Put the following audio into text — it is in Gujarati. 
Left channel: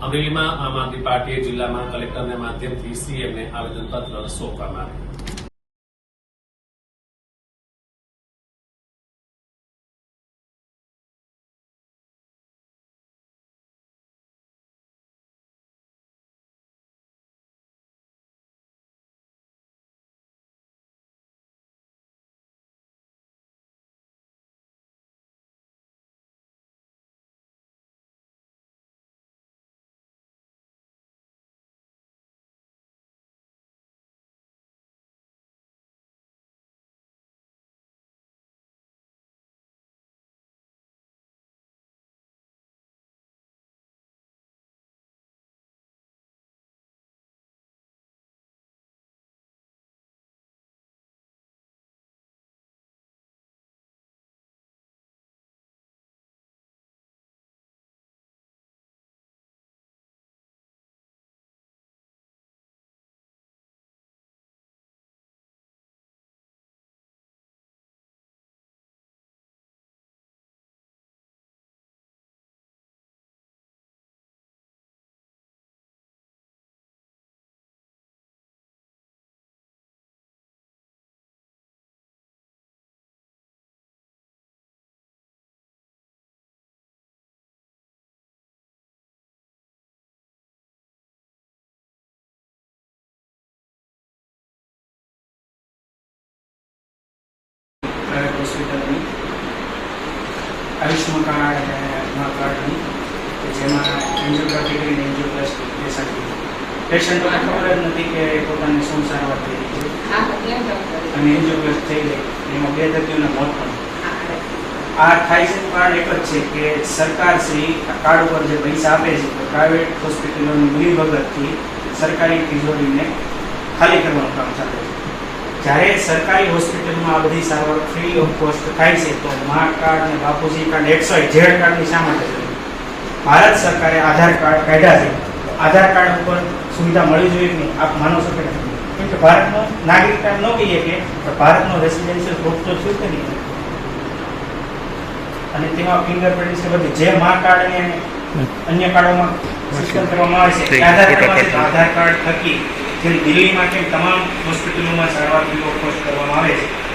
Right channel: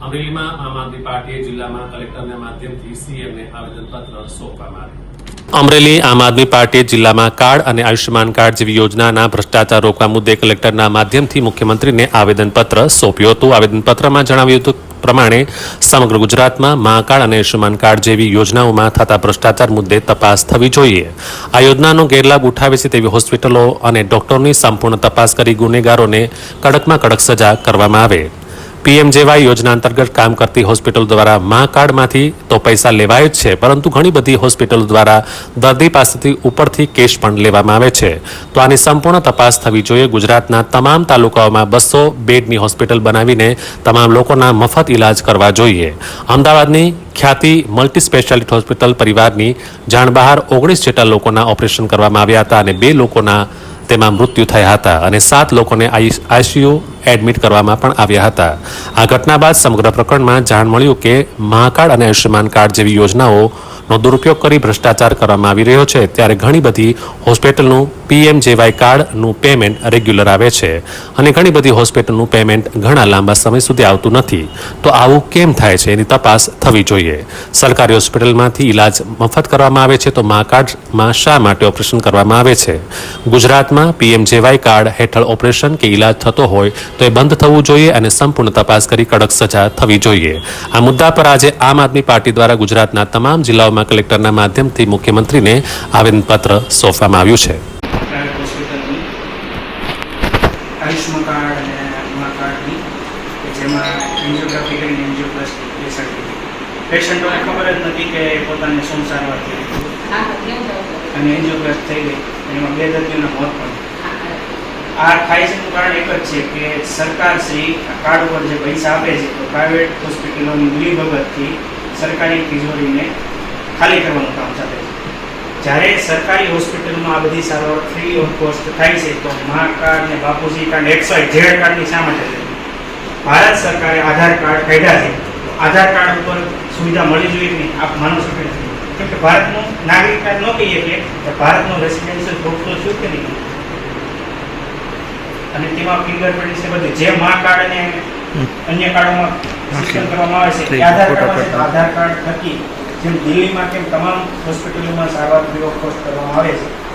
અમરેલીમાં આમ આદમી પાર્ટીએ જિલ્લામાં કલેક્ટરના માધ્યમથી સીએમને આવેદનપત્ર સોંપવામાં આવ્યું. અમરેલી આમ આદમી પાર્ટીએ જિલ્લામાં કાર્ડ અને આયુષ્યમાન કાર્ડ જેવી યોજનાના ભ્રષ્ટાચાર રોકવા મુદ્દે કલેક્ટરના માધ્યમથી મુખ્યમંત્રીને આવેદનપત્ર સોંપ્યું હતું. આવેદનપત્રમાં જણાવ્યું હતું પ્રમાણે સમગ્ર ગુજરાતમાં મા અને આયુષ્યમાન કાર્ડ જેવી યોજનાઓમાં થતા ભ્રષ્ટાચાર મુદ્દે તપાસ થવી જોઈએ. આ યોજનાનો ગેરલાભ ઉઠાવે છે તેવી હોસ્પિટલો અને ડોક્ટરોની સંપૂર્ણ તપાસ કરી ગુનેગારોને કડકમાં કડક સજા કરવામાં આવે. પીએમજેવાય યોજના અંતર્ગત કામ કરતી હોસ્પિટલ દ્વારા મા કાર્ડમાંથી તો પૈસા લેવાય જ છે, પરંતુ ઘણી બધી હોસ્પિટલો દ્વારા દર્દી પાસેથી ઉપરથી કેશ પણ લેવામાં આવે છે. તો આની સંપૂર્ણ તપાસ થવી જોઈએ. ગુજરાતના તમામ તાલુકાઓમાં બસો બેડની હોસ્પિટલ બનાવીને તમામ લોકોના મફત ઇલાજ કરવા જોઈએ. અમદાવાદની ખ્યાતિ મલ્ટી સ્પેશિયાલિટી હોસ્પિટલ પરિવારની જાણ બહાર ઓગણીસ જેટલા લોકોના ઓપરેશન કરવામાં આવ્યા હતા અને બે લોકોના તેમાં મૃત્યુ થયા હતા અને સાત લોકોને આઈસીયુ એડમિટ કરવામાં પણ આવ્યા હતા. આ ઘટના બાદ સમગ્ર પ્રકરણમાં જાણ મળ્યું કે મહાકાર્ડ અને આયુષ્યમાન કાર્ડ જેવી યોજનાઓનો દુરુપયોગ કરી ભ્રષ્ટાચાર કરવામાં આવી રહ્યો છે. ત્યારે ઘણી બધી હોસ્પિટલનું પીએમજેવાય કાર્ડનું પેમેન્ટ રેગ્યુલર આવે છે અને ઘણી બધી હોસ્પિટલનું પેમેન્ટ ઘણા લાંબા સમય સુધી આવતું નથી. તો આવું કેમ થાય છે? એની તપાસ થવી જોઈએ. સરકારી હોસ્પિટલમાંથી ઇલાજ મફત કરવામાં આવે છે તો મા કાર્ડમાં શા માટે ઓપરેશન કરવામાં આવે છે? ગુજરાતમાં પીએમજેવાય કાર્ડ હેઠળ ઓપરેશન કે ઇલાજ થતો હોય તો એ બંધ થવું જોઈએ અને સંપૂર્ણ તપાસ કરી કડક સજા થવી જોઈએ. આ મુદ્દા પર આજે આમ આદમી પાર્ટી દ્વારા ગુજરાતના તમામ જિલ્લાઓમાં કલેક્ટરના માધ્યમથી મુખ્યમંત્રીને આવેદનપત્ર સોંપવામાં આવ્યું છે. પેશન્ટોને ખબર જ નથી કે પોતાને શું સારવાર થઈ અને એન્જિયોગ્રાફ થઈ ગઈ એમાં બે દર્દીઓના મોત પણ. આ થાય છે કારણ એક જ છે કે સરકાર શ્રી કાર્ડ ઉપર જે પૈસા આપે છે, તો પ્રાઇવેટ હોસ્પિટલોની મિલી ભગતથી સરકારી તિજોરીને ખાલી કરવાનું કામ ચાલે છે જ્યારે સરકારી હોસ્પિટલમાં આ બધી સારવાર ફ્રી ઓફ કોસ્ટ થાય છે તો મા કાર્ડ ને બાપુજી કાર્ડ એક્સવાય ઝેડ કાર્ડની શા માટે ભારત સરકારે આધાર કાર્ડ કાઢ્યા છે. આધાર કાર્ડ ઉપર સુવિધા મળી જોઈએ કે? આપ માનો છો કે કેમ કે ભારતનો નાગરિક કાર્ડ ન કહીએ કે તો ભારતનું રેસિડેન્શિયલ પ્રૂફ તો થયું કે નહીં? અને તેમાં ફિંગરપ્રિન્ટ છે બધું. જે મા કાર્ડ અને અન્ય કાર્ડોમાં સિસ્ટમ કરવામાં આવે છે આધાર કાર્ડ આધાર કાર્ડ થકી જેમ દિલ્હીમાં કેમ તમામ હોસ્પિટલોમાં સારવાર ફ્રી ઓફ કોસ્ટ કરવામાં આવે છે.